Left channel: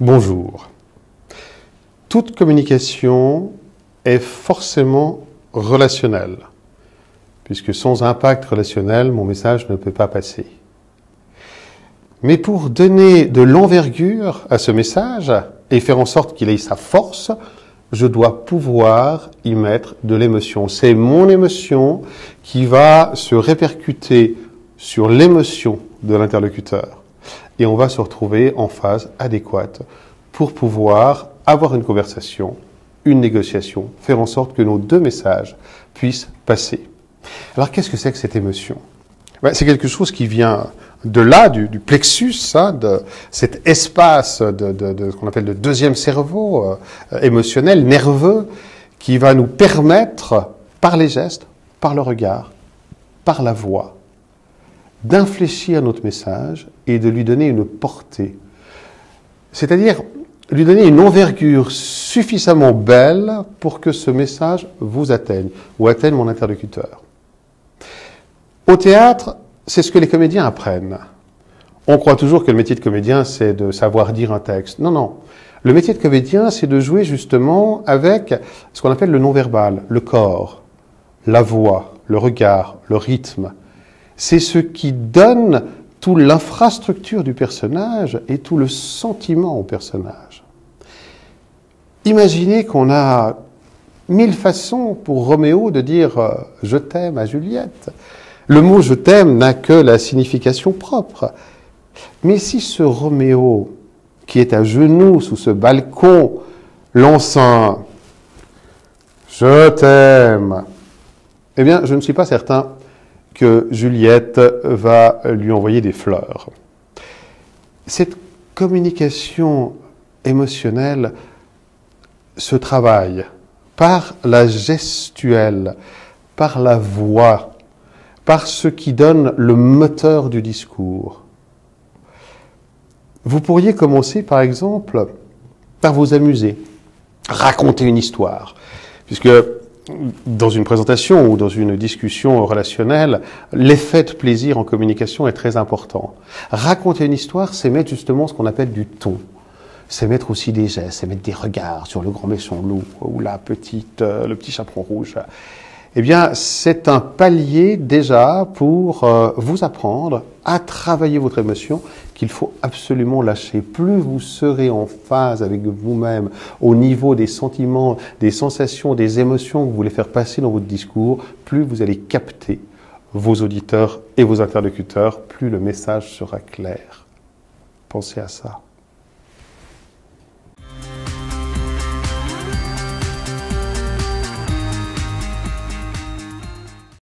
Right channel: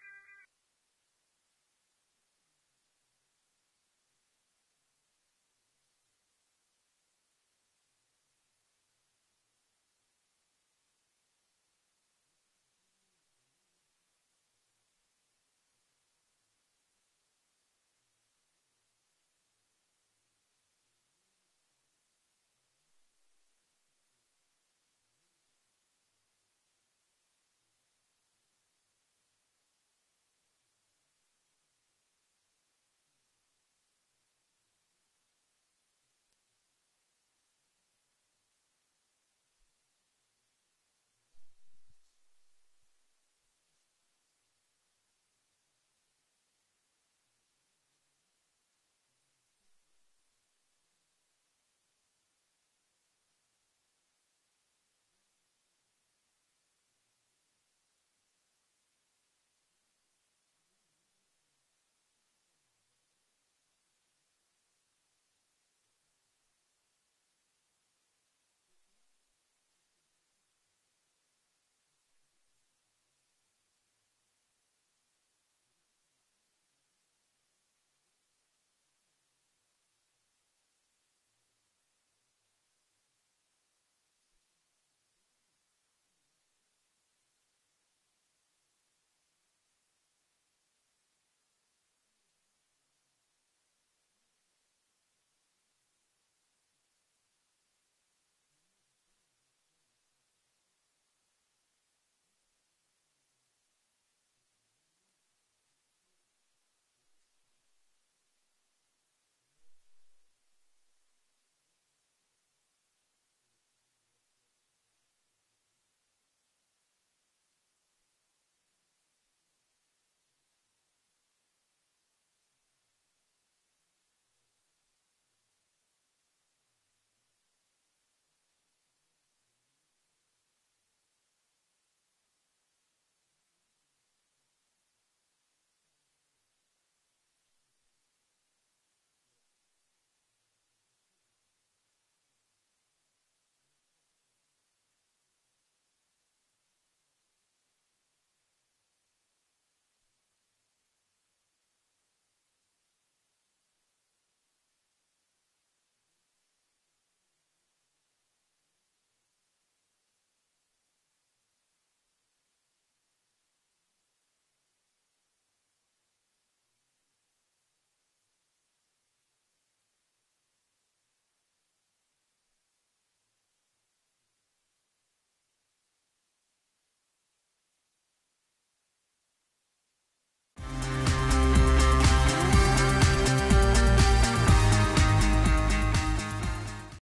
Bonjour. Toute communication est forcément relationnelle, puisque sans impact relationnel, mon message ne peut pas passer. Mais pour donner de l'envergure à ce message et faire en sorte qu'il ait sa force, je dois pouvoir y mettre de l'émotion. C'est mon émotion qui va se répercuter sur l'émotion de l'interlocuteur. Et on va se retrouver en phase adéquate pour pouvoir avoir une conversation, une négociation, faire en sorte que nos deux messages puissent passer. Alors qu'est-ce que c'est que cette émotion ? C'est quelque chose qui vient de là, du plexus, de cet espace de ce qu'on appelle le deuxième cerveau émotionnel, nerveux, qui va nous permettre, par les gestes, par le regard, par la voix, d'infléchir notre message et de lui donner une portée. C'est-à-dire lui donner une envergure suffisamment belle pour que ce message vous atteigne, ou atteigne mon interlocuteur. Au théâtre, c'est ce que les comédiens apprennent. On croit toujours que le métier de comédien, c'est de savoir dire un texte. Non, non. Le métier de comédien, c'est de jouer justement avec ce qu'on appelle le non-verbal, le corps, la voix, le regard, le rythme. C'est ce qui donne toute l'infrastructure du personnage et tout le sentiment au personnage. Imaginez qu'on a 1000 façons pour Roméo de dire « je t'aime » à Juliette. Le mot « je t'aime » n'a que la signification propre. Mais si ce Roméo, qui est à genoux sous ce balcon, lance un « je t'aime », eh bien, je ne suis pas certain que Juliette va lui envoyer des fleurs. Cette communication émotionnelle se travaille par la gestuelle, par la voix, par ce qui donne le moteur du discours. Vous pourriez commencer, par exemple, par vous amuser, raconter une histoire, puisque dans une présentation ou dans une discussion relationnelle, l'effet de plaisir en communication est très important. Raconter une histoire, c'est mettre justement ce qu'on appelle du ton. C'est mettre aussi des gestes, c'est mettre des regards sur le grand méchant loup ou le petit chaperon rouge. Eh bien, c'est un palier déjà pour vous apprendre à travailler votre émotion qu'il faut absolument lâcher. Plus vous serez en phase avec vous-même au niveau des sentiments, des sensations, des émotions que vous voulez faire passer dans votre discours, plus vous allez capter vos auditeurs et vos interlocuteurs, plus le message sera clair. Pensez à ça.